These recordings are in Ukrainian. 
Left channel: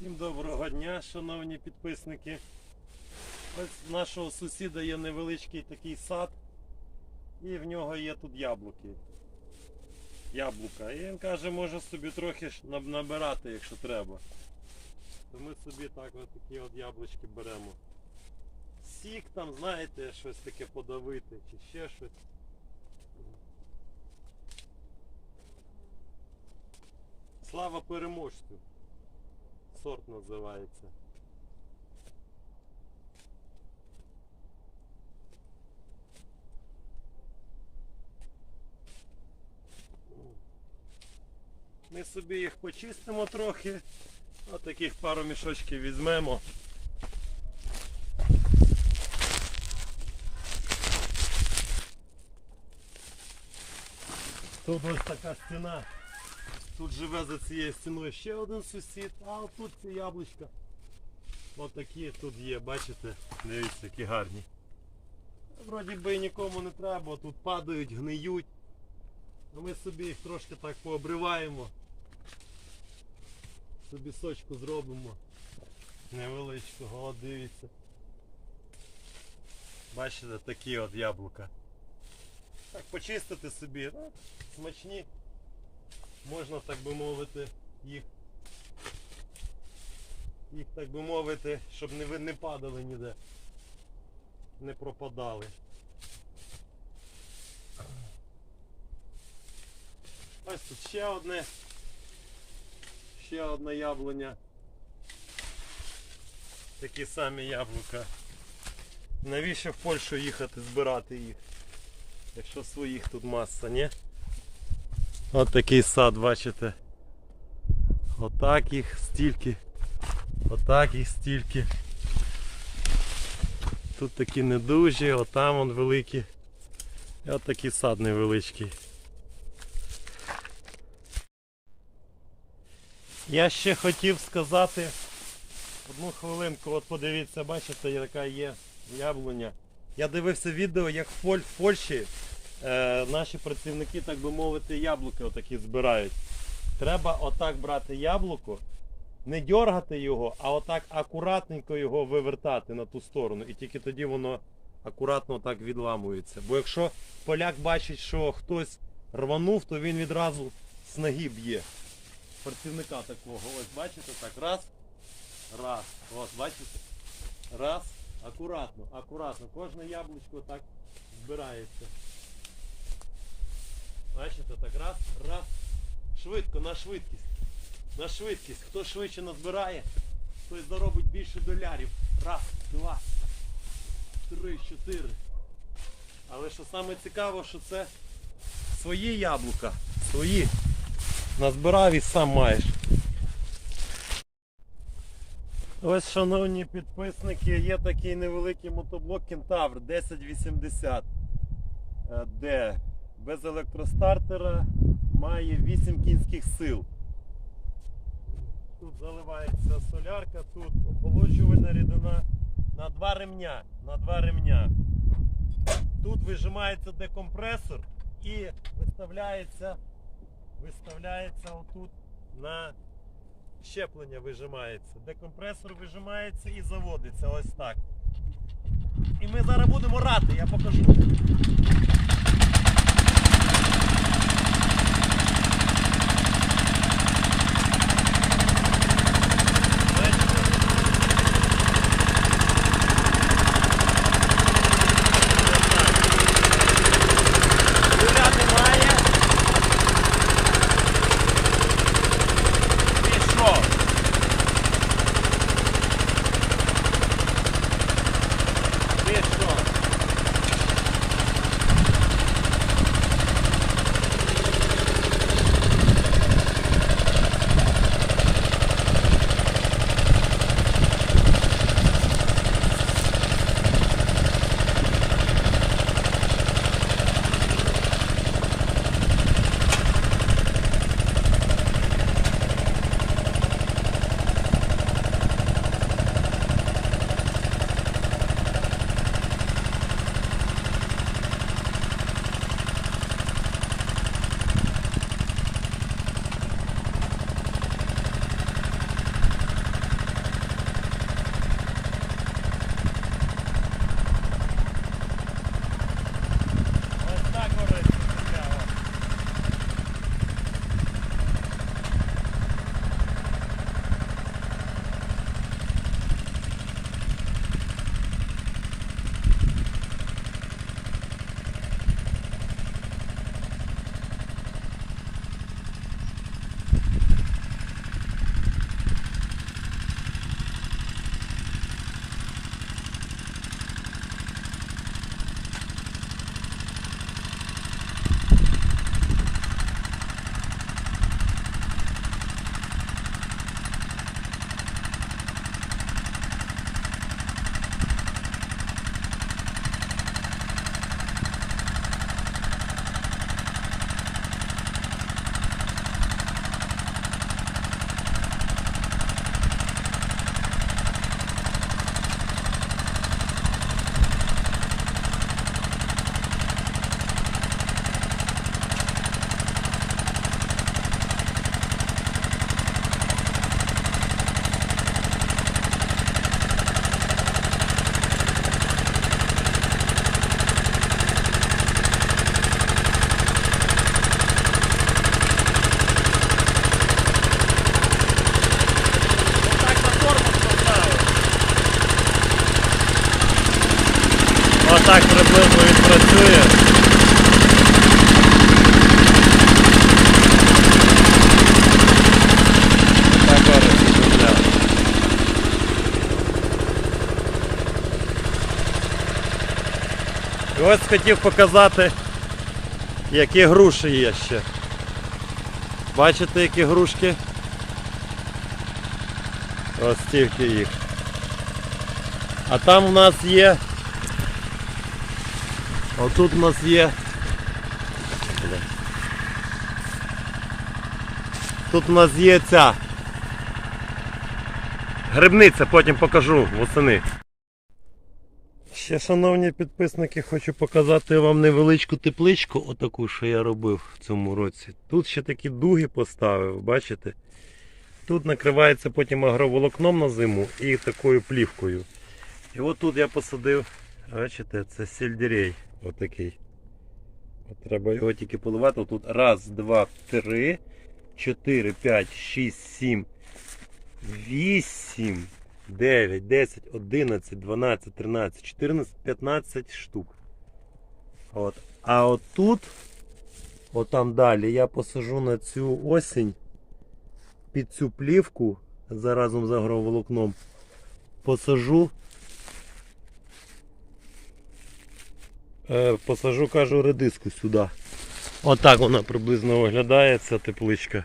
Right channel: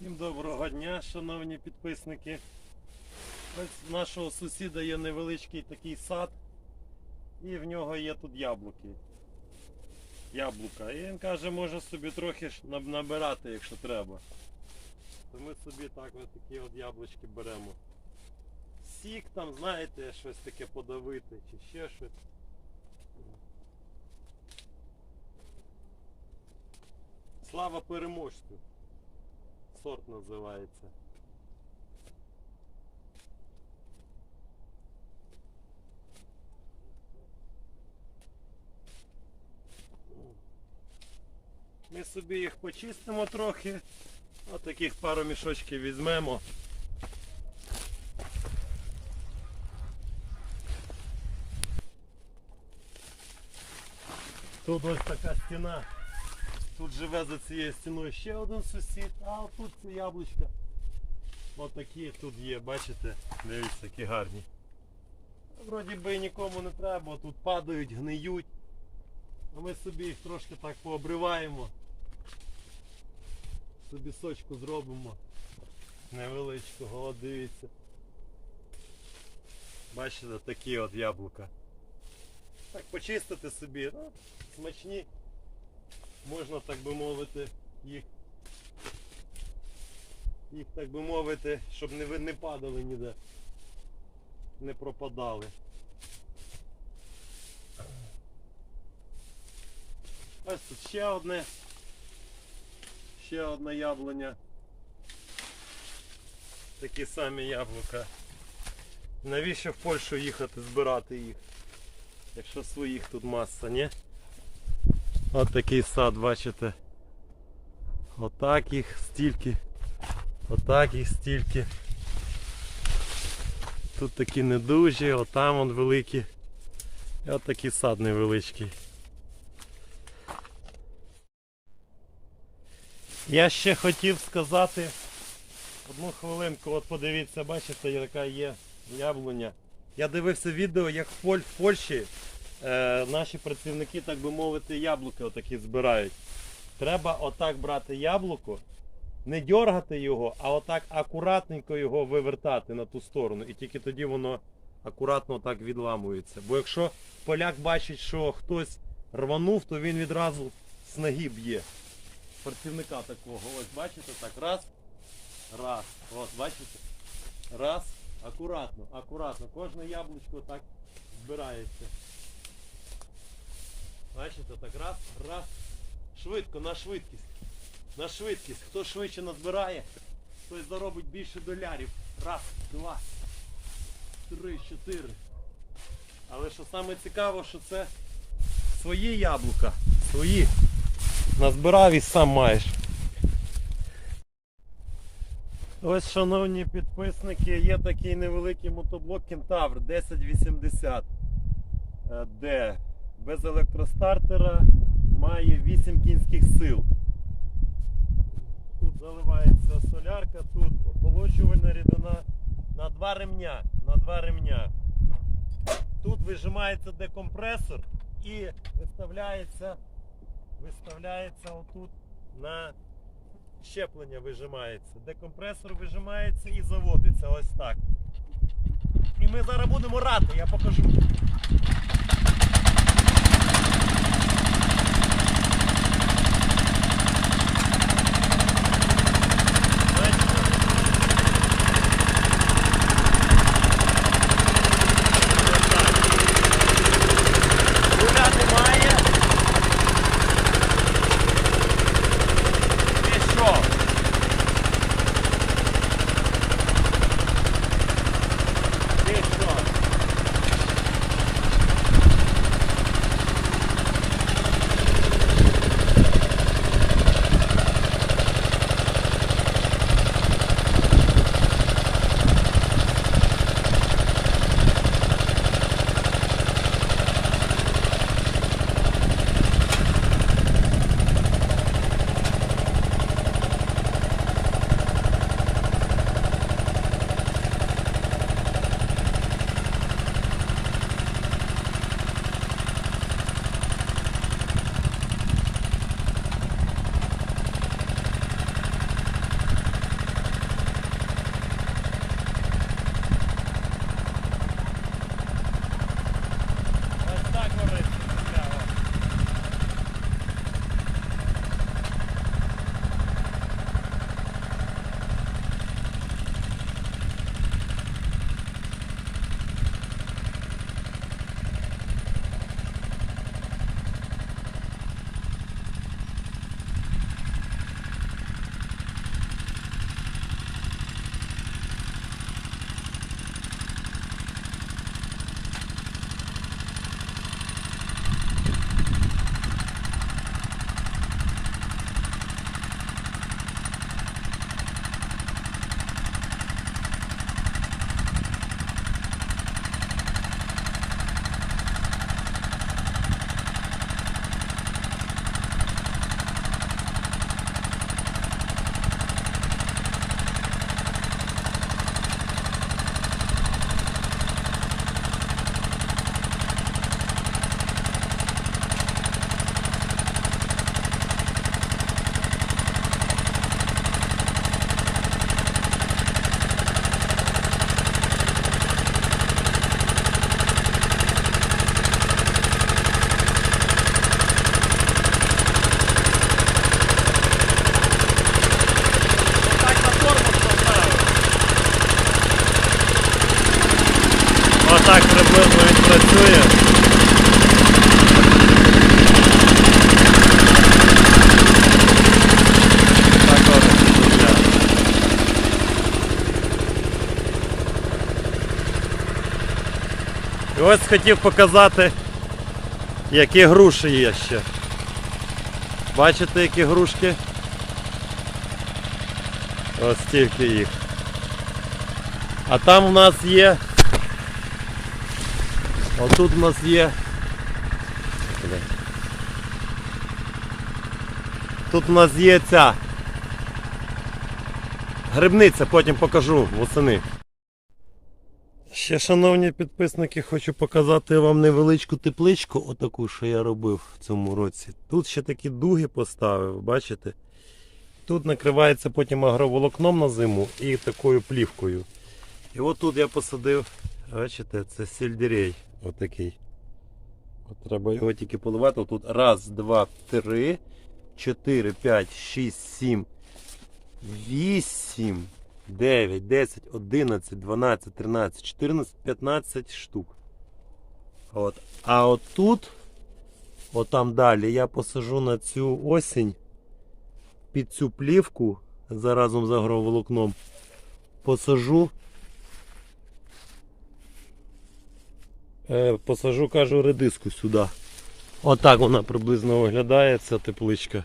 Всім доброго дня, шановні підписники. Ось в нашого сусіда є невеличкий такий сад, і в нього є тут яблуки. Яблука. І він каже, може собі трохи набирати, якщо треба. То ми собі так ось такі от яблучки беремо. Сік там, знаєте, щось таке подавити чи ще щось. Слава переможцю. Сорт називається. Ми собі їх почистимо трохи. Отаких пару мішочків візьмемо. Тут ось така стіна. Тут живе за цією стіною ще один сусід, а тут ці яблучка. Отакі тут є, бачите? Дивіться, які гарні. Вроді би нікому не треба, тут падають, гниють. Ми собі їх трошки так пообриваємо. Собі сочку зробимо. Невеличкого, от дивіться. Бачите, такі от яблука. Так почистити собі, ну, смачні можна, так би мовити, їх, їх так би мовити, щоб не, не падали ніде, не пропадали. Ось тут ще одне, ще одна яблуня. Такі самі яблука. Навіщо в Польщу їхати збирати їх? Якщо своїх тут маса, ні? От такий сад, бачите. Отак їх стільки. Отак їх стільки. Тут такі недужі, отам он великі. І от такий сад невеличкий. Я ще хотів сказати одну хвилинку, от подивіться, бачите, яка є яблуня. Я дивився відео, як в, Польщі е, наші працівники, так би мовити, яблуки отакі збирають. Треба отак брати яблуко, не дергати його, а отак акуратненько його вивертати на ту сторону. І тільки тоді воно акуратно так відламується. Бо якщо поляк бачить, що хтось рванув, то він відразу з ноги б'є. Працівника такого. Ось бачите, так раз, раз. От, бачите? Раз, акуратно, акуратно. Кожне яблучко так збирається. Бачите, так раз, раз. Швидко, на швидкість. На швидкість. Хто швидше назбирає, той заробить більше долярів. Раз, два, три, чотири. Але що саме цікаво, що це свої яблука. Свої. Назбирав і сам маєш. Ось, шановні підписники, є такий невеликий мотоблок Кентавр 1080 е, D. Без електростартера має 8 кінських сил. Тут заливається солярка, тут охолоджувальна рідина на два ремня. На два ремня. Тут вижимається декомпресор і виставляється, виставляється отут на щеплення вижимається. Декомпресор вижимається і заводиться ось так. І ми зараз будемо рати, я покажу. І ось хотів показати, які груші є ще. Бачите, які грушки? Ось стільки їх. А там у нас є. Отут у нас є. Тут у нас є ця. Грибниця, потім покажу восени. Ще, шановні підписники, хочу показати вам невеличку тепличку, отаку, що я робив в цьому році. Тут ще такі дуги поставив, бачите? Тут накривається потім агроволокном на зиму і такою плівкою. І от тут я посадив, бачите, це сельдерей. Отакий. От треба його тільки поливати. Тут раз, два, три, чотири, п'ять, шість, сім, вісім, дев'ять, десять, одинадцять, дванадцять, тринадцять, чотирнадцять, п'ятнадцять штук. От. А от тут, от там далі, я посажу на цю осінь під цю плівку заразом з агроволокном. Посажу Е, посажу, кажу, редиску сюди. Отак вона приблизно виглядає, ця тепличка.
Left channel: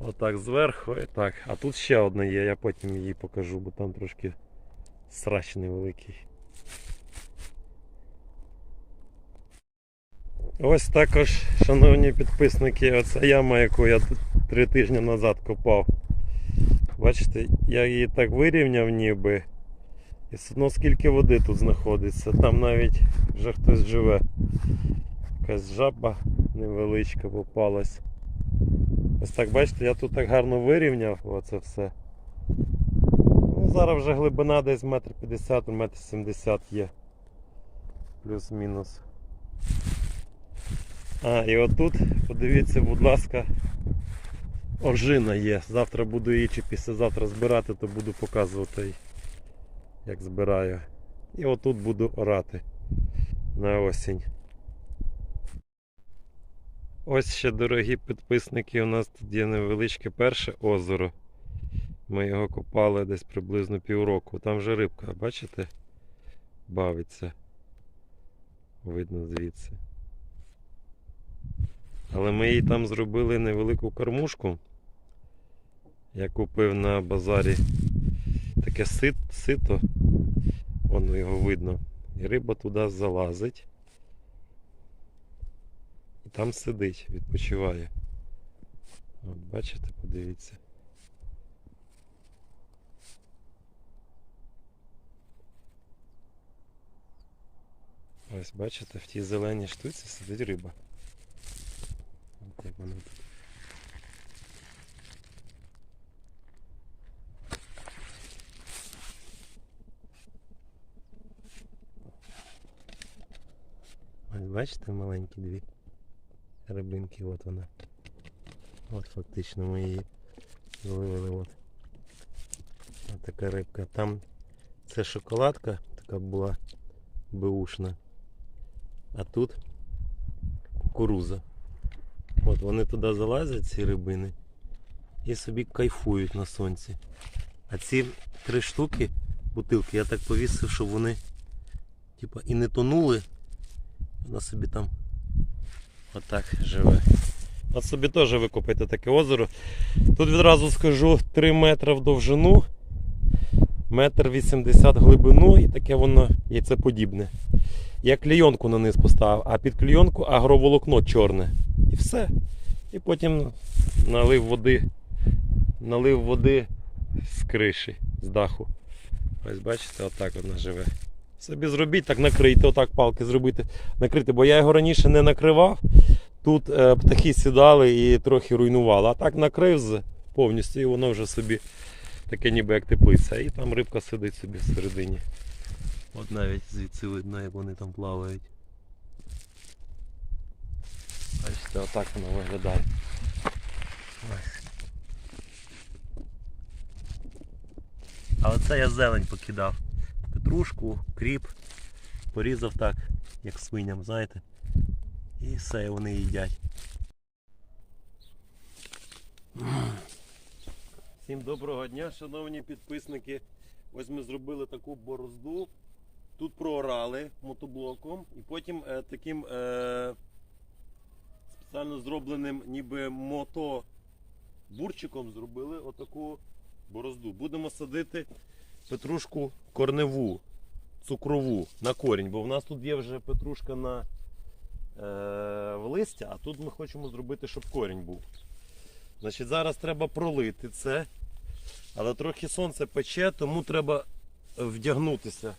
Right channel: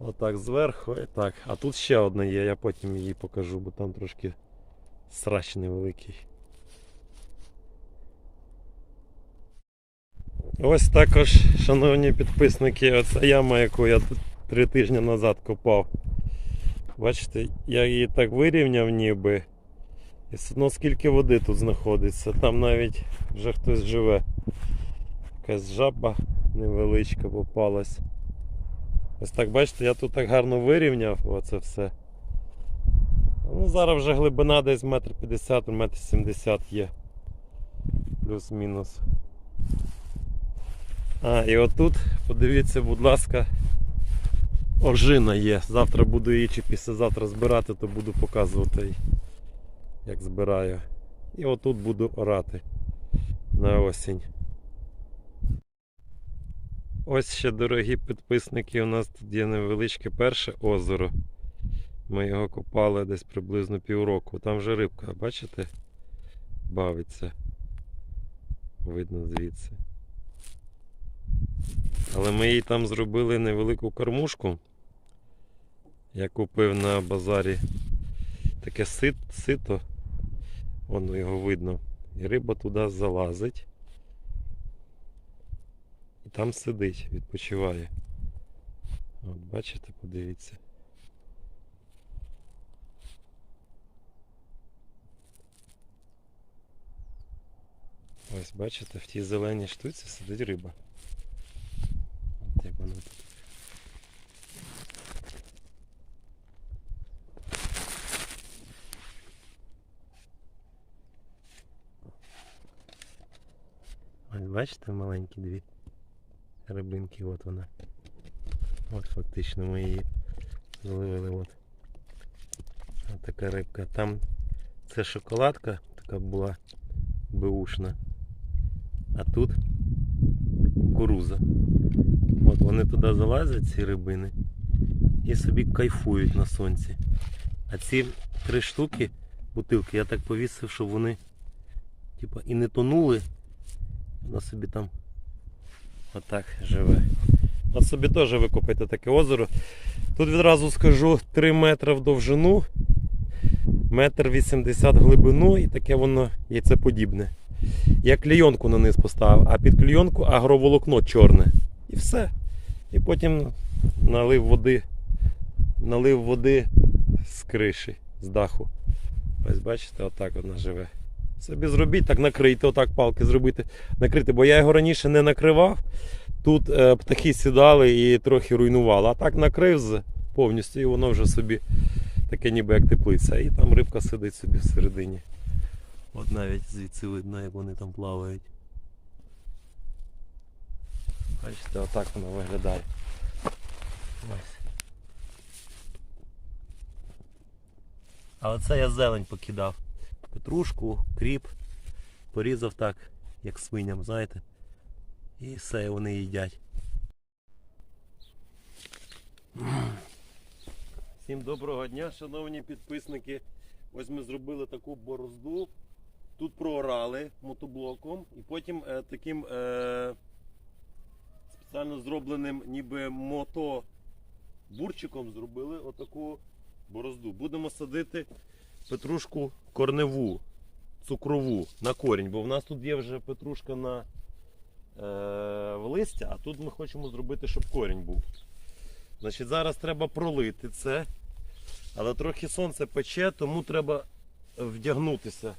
Отак зверху і так. А тут ще одна є, я потім її покажу, бо там трошки срач невеликий. Ось також, шановні підписники, оця яма, яку я тут три тижні назад копав. Бачите, я її так вирівняв ніби. І одно скільки води тут знаходиться. Там навіть вже хтось живе. Якась жаба невеличка попалась. Ось так бачите, я тут так гарно вирівняв оце все. Ну, зараз вже глибина десь метр п'ятдесят, метр сімдесят є. Плюс-мінус. А, і отут, подивіться, будь ласка, ожина є. Завтра буду її чи післязавтра збирати, то буду показувати як збираю. І отут буду орати на осінь. Ось ще, дорогі підписники, у нас тут є невеличке перше озеро. Ми його копали десь приблизно півроку. Там вже рибка, бачите? Бавиться. Видно звідси. Але ми їй там зробили невелику кормушку. Я купив на базарі таке сит, сито, воно його видно. І риба туди залазить. І там сидить, відпочиває. От бачите, подивіться. Ось бачите, в тій зеленій штуці сидить риба. От як вона тут. Ось бачите маленькі дві рибинки, от вона. От фактично ми її зловили. От. От така рибка. Там це шоколадка така була беушна. А тут кукуруза. От вони туди залазять, ці рибини, і собі кайфують на сонці. А ці три штуки, бутилки, я так повісив, щоб вони типа, і не тонули. Вона собі там отак живе. От собі теж викопайте таке озеро. Тут відразу скажу 3 метри в довжину, метр 80 глибину і таке воно яйцеподібне. Я клейонку на низ поставив, а під клейонку агроволокно чорне. І все. І потім налив води, налив води з криші, з даху. Ось бачите, отак вона живе. Собі зробіть, так накрийте, отак палки зробити, накрити, бо я його раніше не накривав. Тут е, птахи сідали і трохи руйнували. А так накрив повністю і воно вже собі таке ніби як теплиця. І там рибка сидить собі всередині. От навіть звідси видно, як вони там плавають. Бачите, отак воно виглядає. Ось. Але це я зелень покидав. Петрушку, кріп. Порізав так, як свиням, знаєте. І все, вони їдять. Всім доброго дня, шановні підписники. Ось ми зробили таку борозду. Тут проорали мотоблоком і потім е, таким е, спеціально зробленим ніби мото бурчиком зробили отаку борозду. Будемо садити петрушку корневу, цукрову на корінь, бо в нас тут є вже петрушка на е, в листя, а тут ми хочемо зробити, щоб корінь був. Значить, зараз треба пролити це, але трохи сонце пече, тому треба вдягнутися.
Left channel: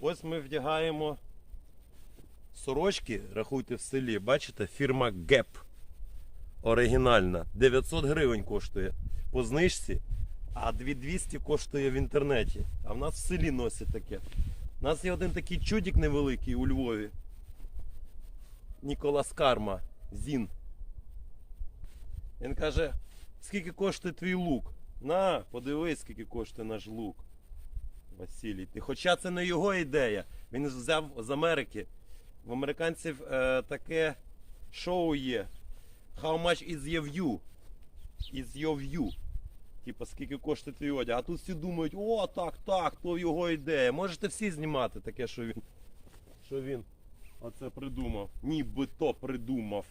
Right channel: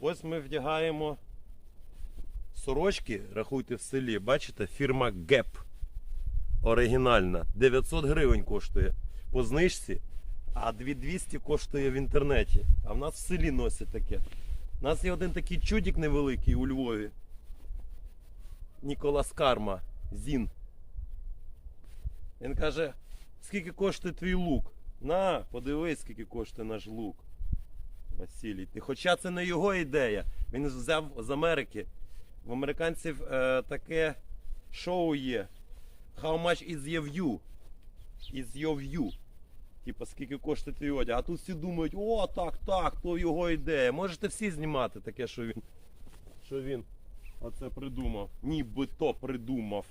Ось ми вдягаємо сорочки, рахуйте в селі, бачите, фірма GEP. Оригінальна. 900 гривень коштує по знижці, а 2200 коштує в інтернеті. А в нас в селі носять таке. У нас є один такий чудик невеликий у Львові. Ніколас Карма. Зін. Він каже, скільки коштує твій лук? На, подивись, скільки коштує наш лук. Василій. Хоча це не його ідея. Він взяв з Америки. В американців е, таке шоу є. How much is your view? Is your view? Типа, скільки коштує твій одяг. А тут всі думають, о, так, так, то його ідея. Можете всі знімати таке, що він. Що він оце придумав. Нібито придумав.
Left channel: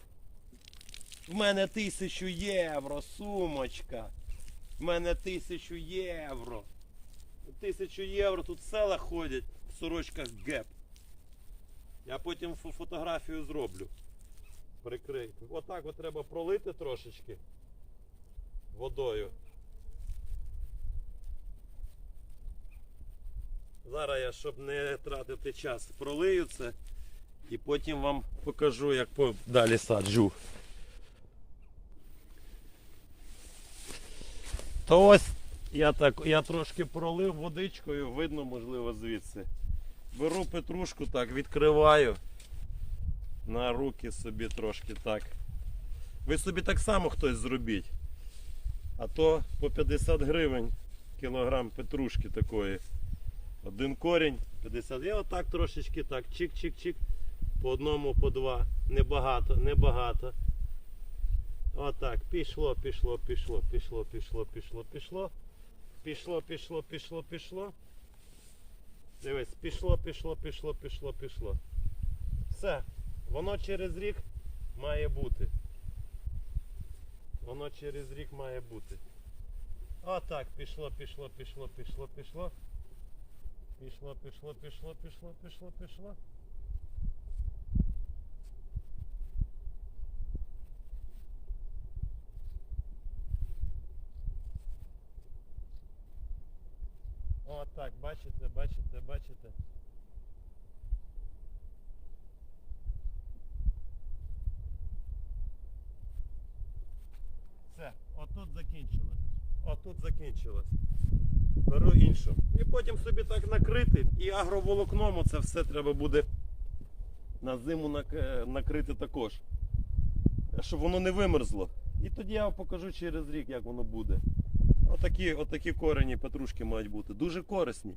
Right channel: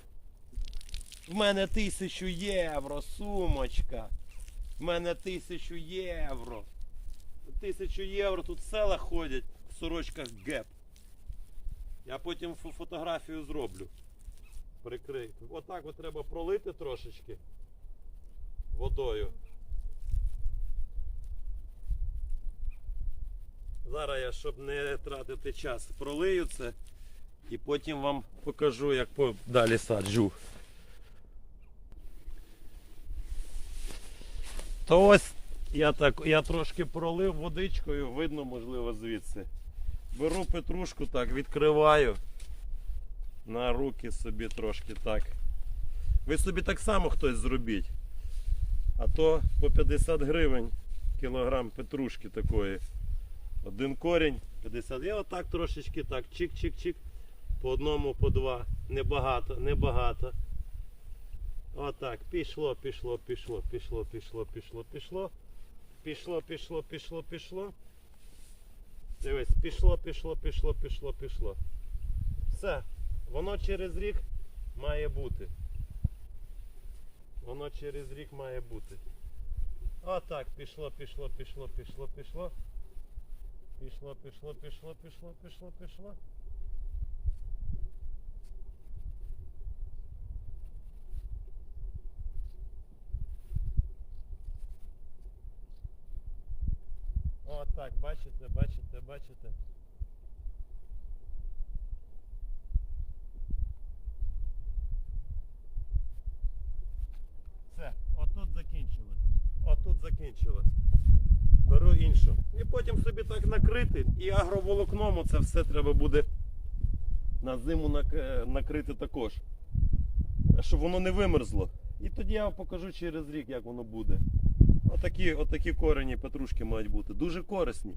В мене тисячу євро, сумочка. В мене тисячу євро. Тисячу євро тут села ходять в сорочках геп. Я потім фотографію зроблю. Прикрий. Отак от треба пролити трошечки водою. Зараз я, щоб не тратити час, пролию це і потім вам покажу, як далі саджу. То ось я так, я трошки пролив водичкою, видно, можливо, звідси. Беру петрушку так, відкриваю на руки собі трошки так. Ви собі так само хтось зробіть. А то по 50 гривень кілограм петрушки такої. Один корінь 50. Я отак трошечки так, чик-чик-чик. По одному, по два. Небагато, небагато. Отак, пішло, пішло, пішло, пішло, пішло, пішло, пішло. Пішло, пішло, пішло, пішло. Дивись, пішло, пішло, пішло, пішло, пішло. Все. Воно через рік має бути. Воно через рік має бути. Отак, пішло, пішло, пішло, пішло, пішло. Пішло, пішло, пішло, пішло, пішло, пішло. Отак, бачите, бачите, бачите. Все, отут закінчилось. Отут закінчилось. Беру іншу. І потім собі так накрити. І агроволокном це все треба буде на зиму е, накрити також. Щоб воно не вимерзло. І тоді я вам покажу через рік, як воно буде. Отакі, отакі корені петрушки мають бути. Дуже корисні.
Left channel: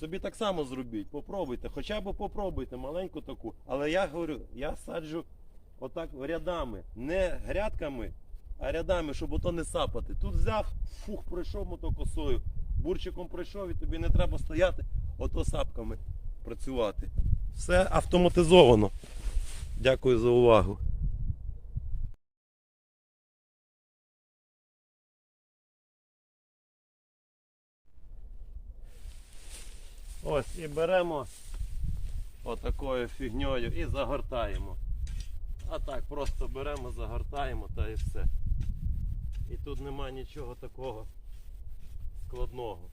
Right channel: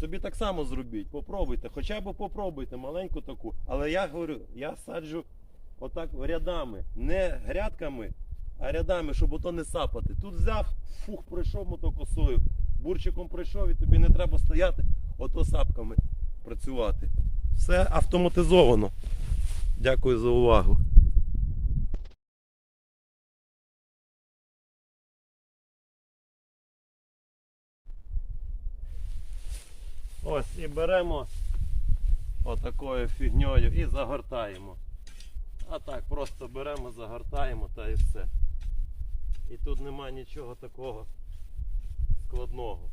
Собі так само зробіть, попробуйте, хоча б попробуйте маленьку таку. Але я говорю, я саджу отак рядами, не грядками, рядами, щоб ото не сапати. Тут взяв, фух, пройшов мотокосою, бурчиком пройшов і тобі не треба стояти, ото сапками працювати. Все автоматизовано. Дякую за увагу. Ось і беремо отакою фігньою і загортаємо. А так, просто беремо, загортаємо та і все. І тут нема нічого такого складного.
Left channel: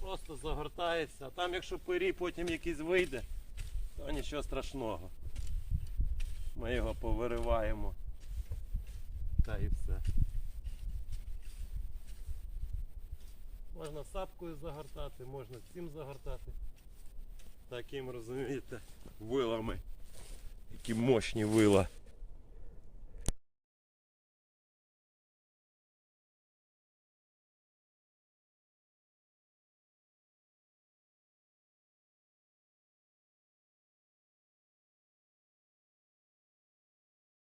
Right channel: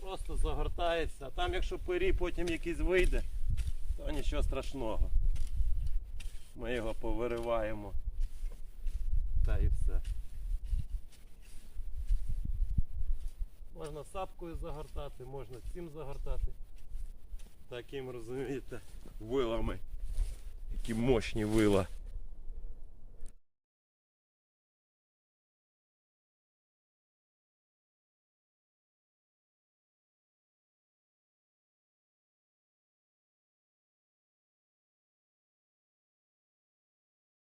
Просто загортається, а там якщо пирій потім якийсь вийде, то нічого страшного. Ми його повириваємо. Та і все. Можна сапкою загортати, можна цим загортати. Таким, розумієте, вилами. Які мощні вила.